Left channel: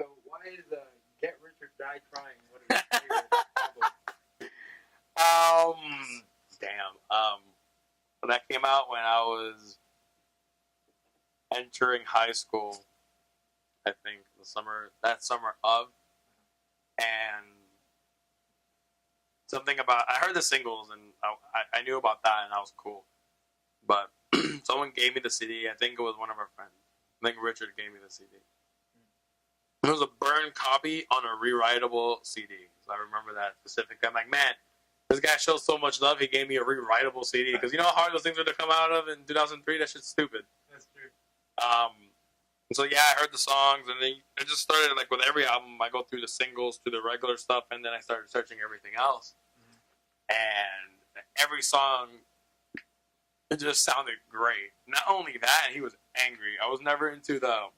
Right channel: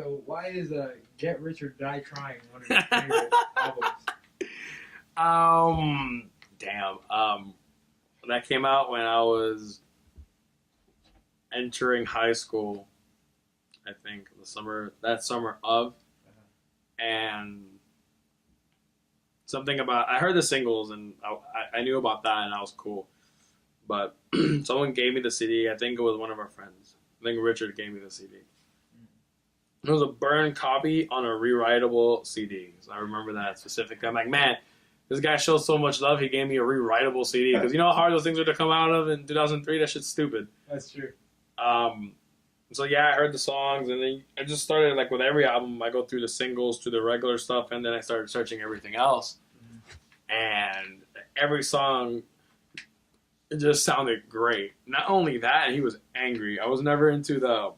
So why is Get Rich or Die Trying one of your favorite albums? Damn. That came out when I was entering high school. I think that summer of, and something about I heard the singles and I knew about that and that was cool, but someone gave me the CD. I think it was one of our friends. I think Richard gave me the CD. It was a burned copy on a rewritable CD. So I remember that specifically. I'm like, man, this guy shows so much love. He gave me a rewritable CD because you know how hard those things were to come out of in 2003. That shit's stupid. That's true. So yeah, I heard the songs, and then I just started like with every album. I go through the singles to the regular stuff, and then I started searching everything else. And every song, it just sounded great. Not only that, he was angry. I was never into the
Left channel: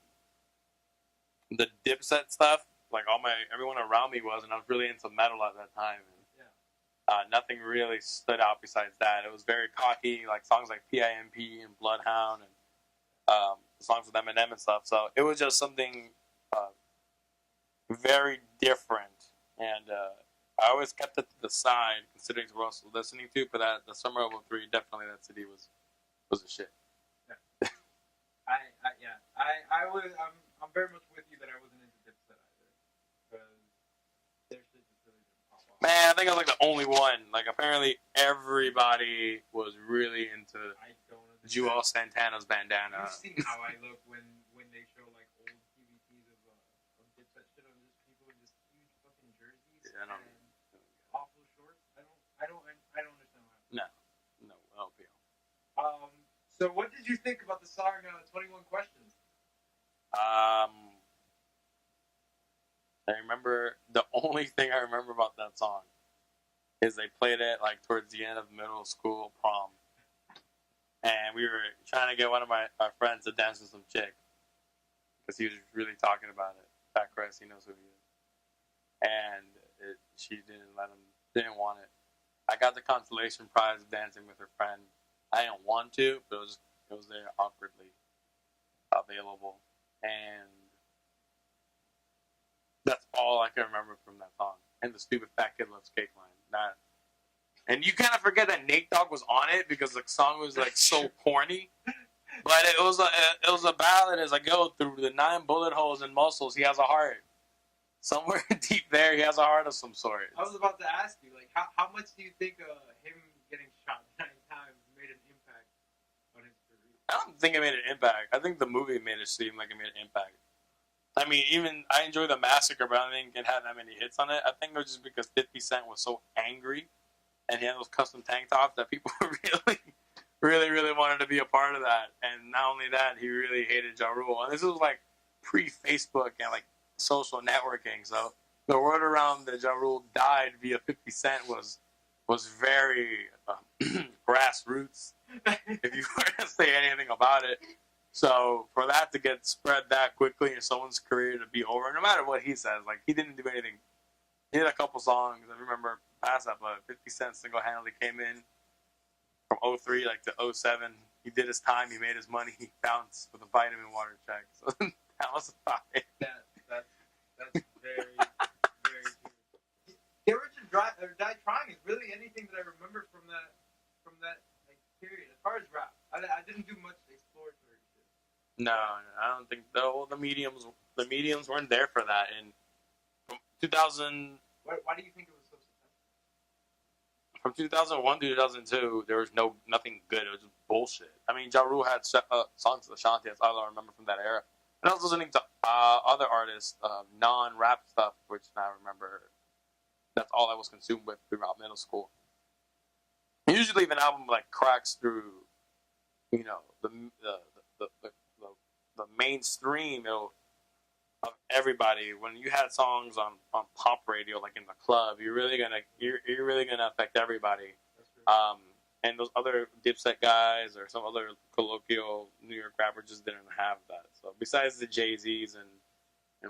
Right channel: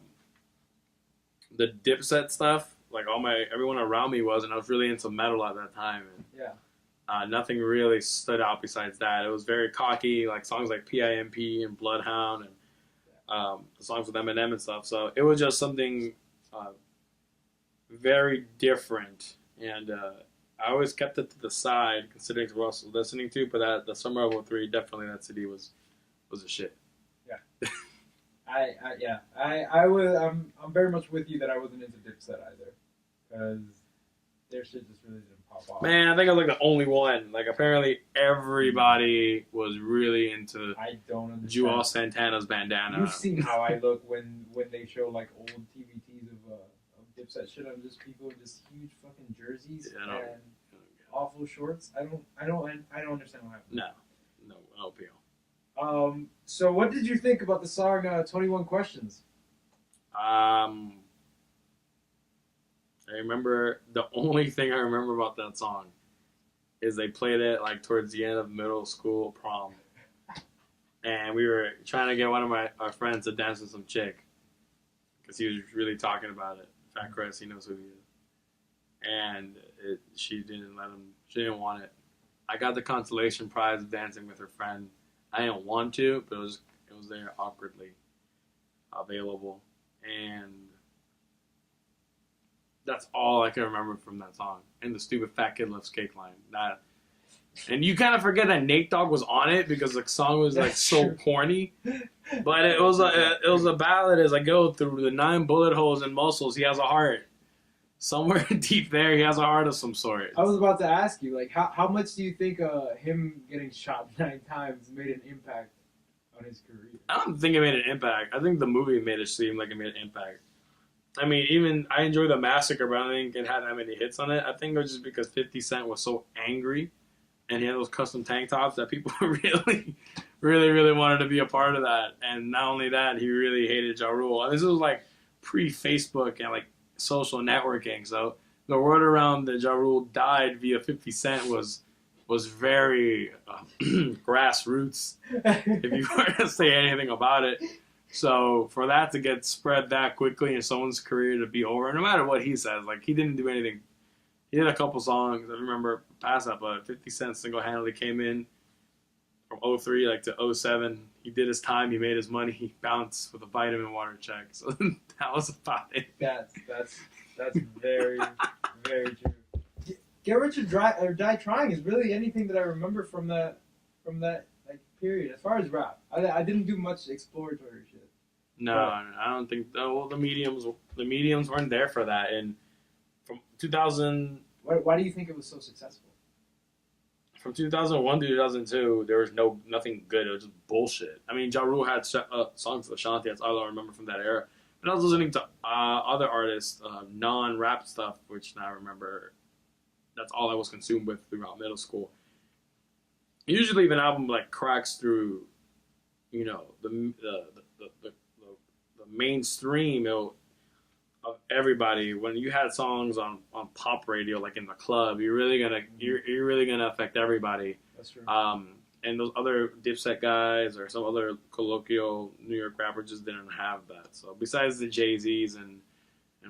Dipset stuff. Like everyone around me was, and I was really into metal at that time. And, nothing really stood out besides that. It was very cocky, like songs like PIMP and Bloodhound, and the songs with Eminem and stuff. So it was just something very different, and I always kept it to the side, considering what I was listening to. But the summer of '03, definitely that CD was a shit. Yeah. I'm very much with you that I wasn't into Dipset either, because their shit just really didn't pop off. Man, I think I was like the only one. Like apparently everybody was really into I don't understand. Jewel Santana's bandana. You've seen how I look when they show like old TVTs of Dipset shit. I'm just people in just huge fucking jerseys and awful shorts. I don't understand what happened. No appeal. So what did you think about the song 21 Questions? I remember the only thing I remember about that song is they played it like towards the end of middle school prom, and we were trying to get one of our friends to dance with some chick because he was really talking about it. Fat Chris, he knows who he is, and she didn't let him. She didn't want it. I got the consolation prize of dancing with her friend. I didn't want to, but it was there awkwardly available, and that's all I can remember from that song. And the stupid fat kid loves cake line. And you kind of forget that Nate Dogg was on it because the song was like so corny. But it was a ballad. It's like, yo, through the 9 bullet holes and muscles, he has a heart. Somewhere deep there, he has a heart of some sort. I was about to ask you, like, how much do you think him getting shot 9 times made an impact on his career? I don't think it made an impact. I think the movie made it seem like it made an impact. I mean, even I enjoy The Massacre, but I don't think it had that many hits on it. I think it was just because 50 Cent was so angry and he had those custom tank tops that people really, really, really wanted to be a part of that. And not only that, he really hated Ja Rule. And this was like pre-Facebook and like social networking. So the word around that Ja Rule died via 50 Cent was very grassroots, if you were to say anything about it. So for that to get spread that quickly and someone's career to be over, no matter what he says, like he didn't do anything. He did a couple songs, I remember past that, but 50 Cent single-handedly came in from 03 like to 07. He did his time, he made his money, he bounced with a vitamin water check. So that was about it. That's very, very true. Get Rich or Die Trying is really anything that I remember from that like period. As far as rap, I didn't do much exploratory shit. No, I don't think. Well, the mediums weren't there for that. And from 2000, why do you think it was so successful? From 2001 to 2002, there was nothing good. It was just bullshit. I mean, Ja Rule had songs with Ashanti. That's all I remember from that era. But I was listening to other artists, non-rap stuff, which now I remember. That's all I was consumed with throughout middle school. Usually, if an album like cracks through, you know, the mainstream of everybody, when you had songs on pop radio, like in the club, you're really gonna affect everybody. That's true. And those other Dipset guys or some other colloquial New York rappers just didn't have that. So besides the Jay-Z's and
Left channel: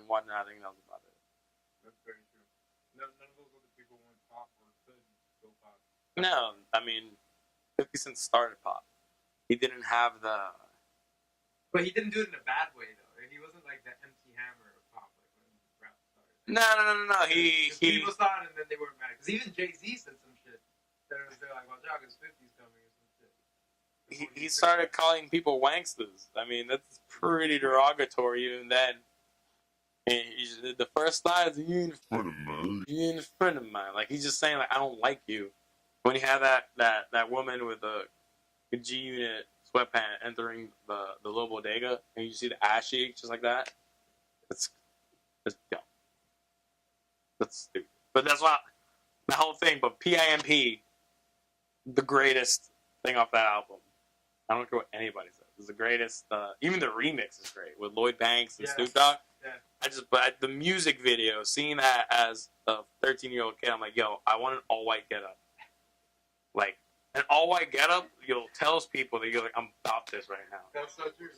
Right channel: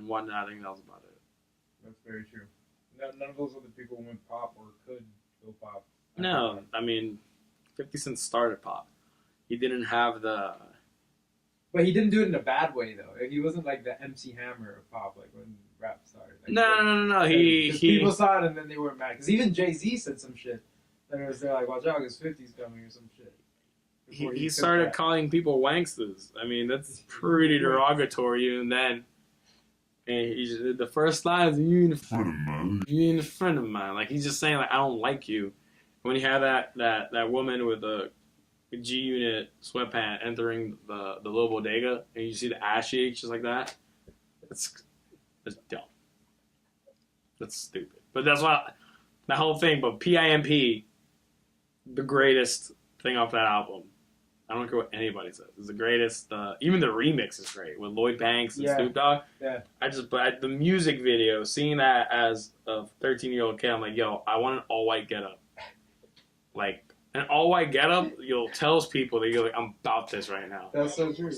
whatnot, I think that was about it. That's very true. None of those other people went pop or could go pop. No, I mean, 50 Cent started pop. He didn't have the But he didn't do it in a bad way though. He wasn't like the MC Hammer of pop, like when rap started. Like, No. He people saw it and then they weren't mad. Because even Jay-Z said some shit. They're like, watch out, because 50's coming or some shit. He started calling people wanksters. I mean, that's pretty derogatory even then. And the first line is, you ain't a friend of mine. You ain't a friend of mine. Like, he's just saying, like, I don't like you. When you have that woman with a G-Unit sweatpant entering the little bodega, and you see the ass cheeks just like that, that's dumb. That's stupid. But that's not the whole thing. But PIMP, the greatest thing off that album. I don't care what anybody says. It's the greatest. Even the remix is great with Lloyd Banks and Snoop Dogg. Yeah. But the music video, seeing that as a 13-year-old kid, I'm like, yo, I want an all-white getup. Like, an all-white getup, you'll tells people that you're like, I'm about this right now. That's so true.